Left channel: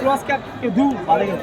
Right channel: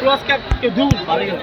Cross cap কে দূর পারে গেল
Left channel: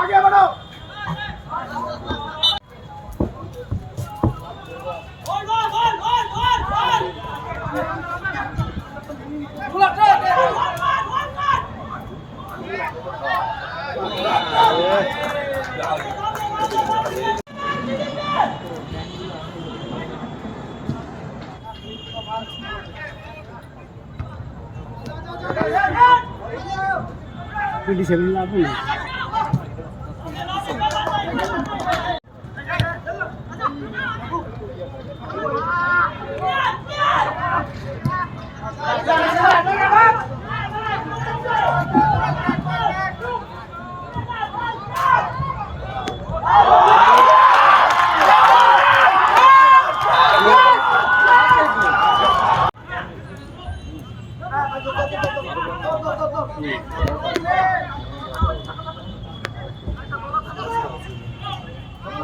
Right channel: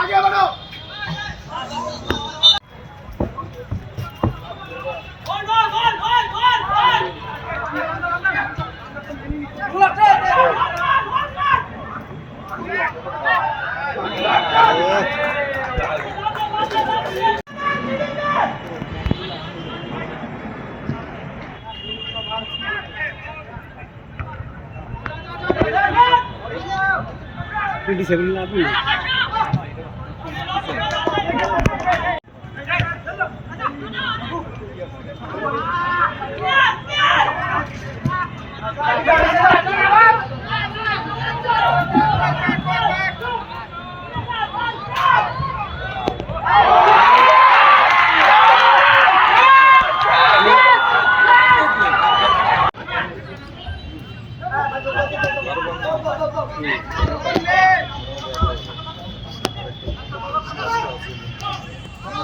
आगे बढ़ो डिसेबल लाभ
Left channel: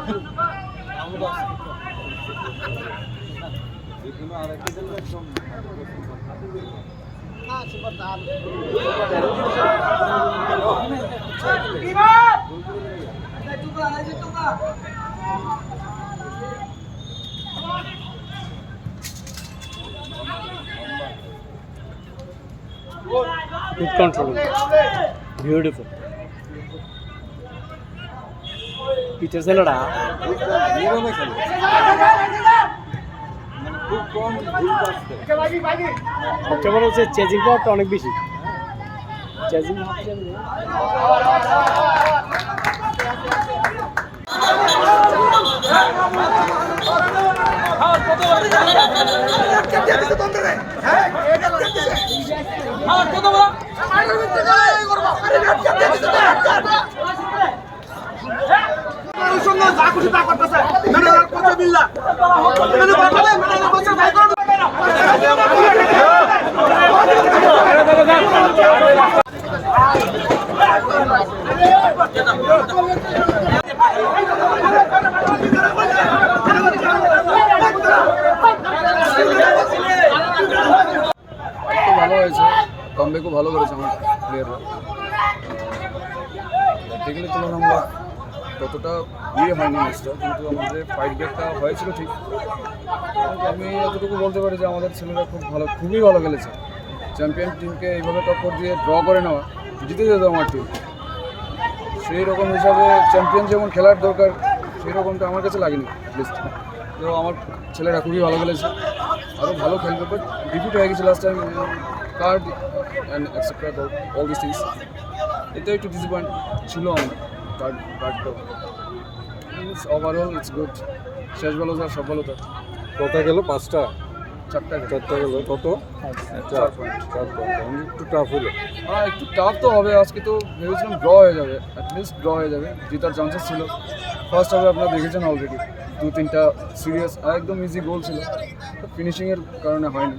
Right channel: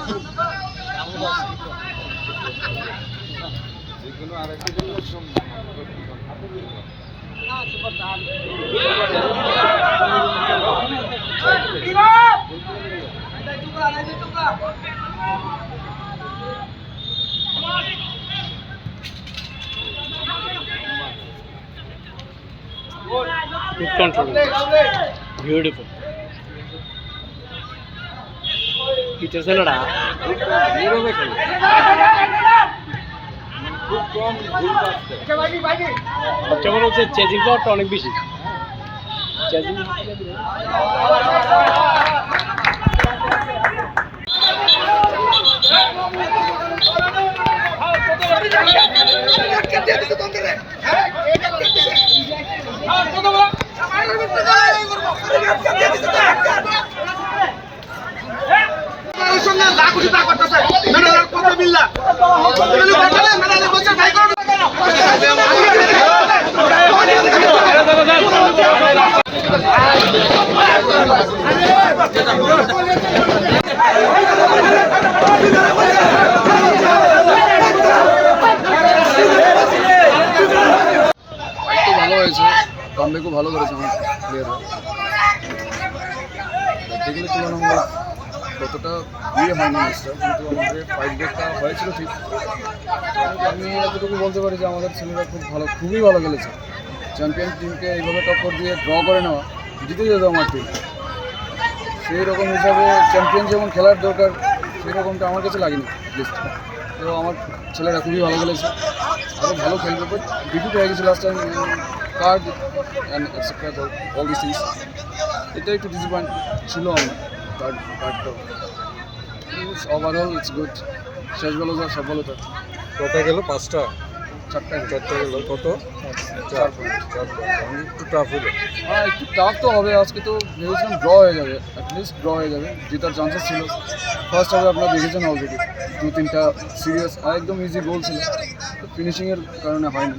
Good control. Beautiful. It is a lot. সবচেয়ে বড় হচ্ছে চেজিং পাওয়ারটা অনেক বেশি। চেজিং ফাইট তো ভালো হয়েছে, কামব্যাকও ভালো করেছে আমার প্লেয়াররা। দেখতে গেলে তুলনামূলক ততটা হয়নি ম্যাচটা, কিন্তু আমাদের ফাইট ব্যাকটা হয়েছিল ঠিক। আমি এতটুকু বলতে পারি যে আমাদের ছেলেরা খুবই ভালো খেলেছে। চ্যাম্পিয়ন টিমকে এইভাবে টক্কর দিয়ে ড্র করে নেওয়া, জিতে যেত আমার টিম। সেই রকম হিসাবে চ্যাম্পিয়ন যেমন খেলার দরকার, সেই রকমটা আমার কাছে লাগেনি লিস্ট। তো আমার ছেলেরা খুবই ভালো খেলেছে, আরও ভালো খেলবে, বাট ডিফিট হয়ে গেছে last time card and etcetera all this things. এটা একটু ডিসঅ্যাপয়েন্ট ছিল আমার কার্ডটা। Overall it's good. শেষ বলো যা সফলতা। কোথায় গেল? 5টা 4টা গেল। কত? 4 পয়েন্ট। একটু টাফ হলো। হ্যাঁ, একটু টাফ তো হবে। আজকে তো ভেবেছিলাম ড্র হয়ে যাবে, অ্যাটলিস্ট ড্র হয়ে যাবে, জেতার চান্সেস ছিল। ফার্স্ট হাফে আপনারা দেখেছেন অলরেডি 2-3টা সিরিয়াস একদম ইজি গোল ছিল, তো ফিনিশিংয়ের কারণে হয়নি।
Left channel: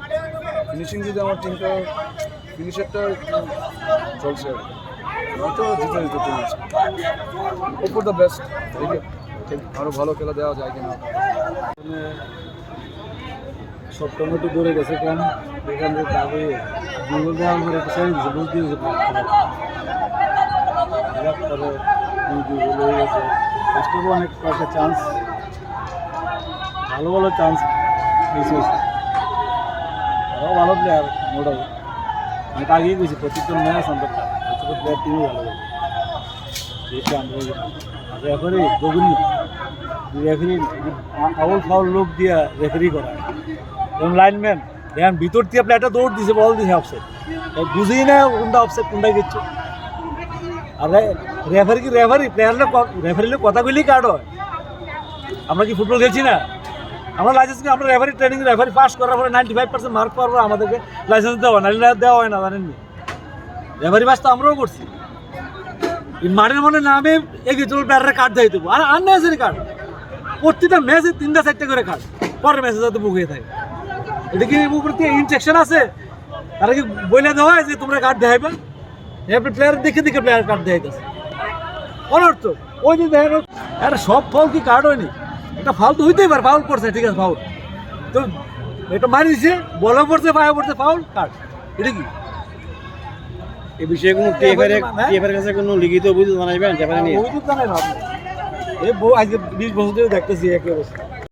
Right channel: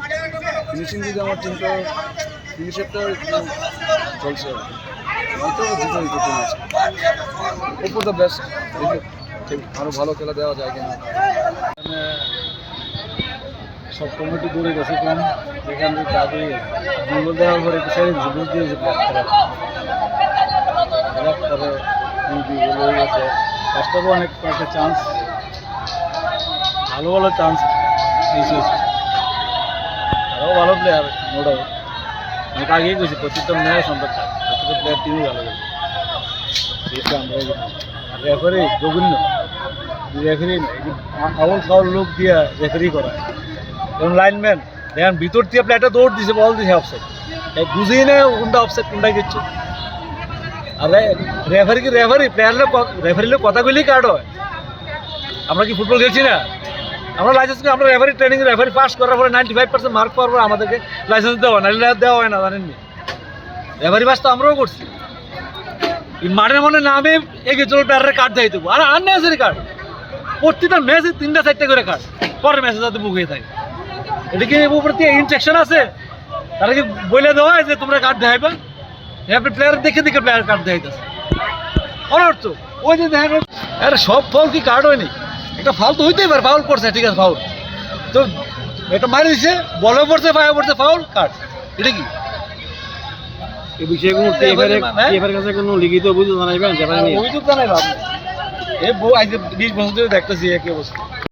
ফিনিশিং যদি আমার টিমটা ফিনিশারটা একটু চলছে, হয়তো জিতে যেত টিম আছে। Hope for the best. দেখে আরও ভালো খেলা দেওয়া যায় কিনা। এখানে সব টমেটো দূরে গেছে কম, এখান থেকে তাড়াতাড়ি গুগল দেওয়ার পরে একটু সেরে দিয়েছে, বুঝ দিয়েছে খেলার পরে গুগল হয়ে গেছে। ফার্স্টটাও অনেক কয়েকটা চান্স, ভালো ভালো চান্স মিস হয়েছে। আরও ভালো প্লেয়ার নো ডাউট, অনেক আগেই গেছি। প্রত্যেকটা ম্যাচ অন্তত প্রত্যেকটা প্লেয়ার টিমই ভালো গেছে। এটা আমরা আর রেফারি জঘন্য, রেফারি আউল ফাউল লোক দিয়ে রেফারি করায়। যেমন লাইনম্যান দেখেন ভিতর দিয়ে প্লেয়ারটা দৌড় দিছে, বল দিছে অফসাইড, বুঝেই না কোনটা অফসাইড কোনটা কিচ্ছু। আর রেফারি কি রেফারির কথা বললেই কার্ড হয়? আমরা কি ফুটবল খেলছি না? আমরা লাইসেন্স, আমরা রেফারি ট্রেনিং, রেফারি পাস করার পরে 95% মার্ক পাওয়ার পর আমাদেরকে লাইসেন্স দেওয়া না, দেওয়া হয় না, জানেননি? রেফারি পাস তো আমরাও করছি। মাঠের মনে নামে এগিয়ে চলো প্লেয়ারের কার্ড দিয়ে দেবো, আর আননেসারি কার্ড। প্রতিটা ম্যাচে 3টা-4টা করে কার্ড, পরের ম্যাচে যাতে বুক হয়ে থাকে। এটা কি উপর দিয়ে ইনস্ট্রাকশন আছে? তারা কি বলে দেওয়া হয় যে তোমরা কার্ড দেখাইবা? প্লেয়ার দেখে প্লেয়ার কার্ড দেখাইতেছে অনর্থ। ওই যে দেখেন আরে সব ফাউল কি কার্ড হয়নি? একটা ফাউল তো হইতেই পারে, ফাউল করছে ঠিক আছে, ফাউল তো এটা মারি দিচ্ছে, বলও পড়ছে, পায়ে পড়ছে, ফাউল কার্ড। এটা কি এই বিষয়ে কোনো টিএফের কাছে কোনো লিখিত অভিযোগ জানাইবেন? অভিযোগ জানাই ভাবনা। এই আজকে 20 বছর ধরে দেখতেছি একই অবস্থা।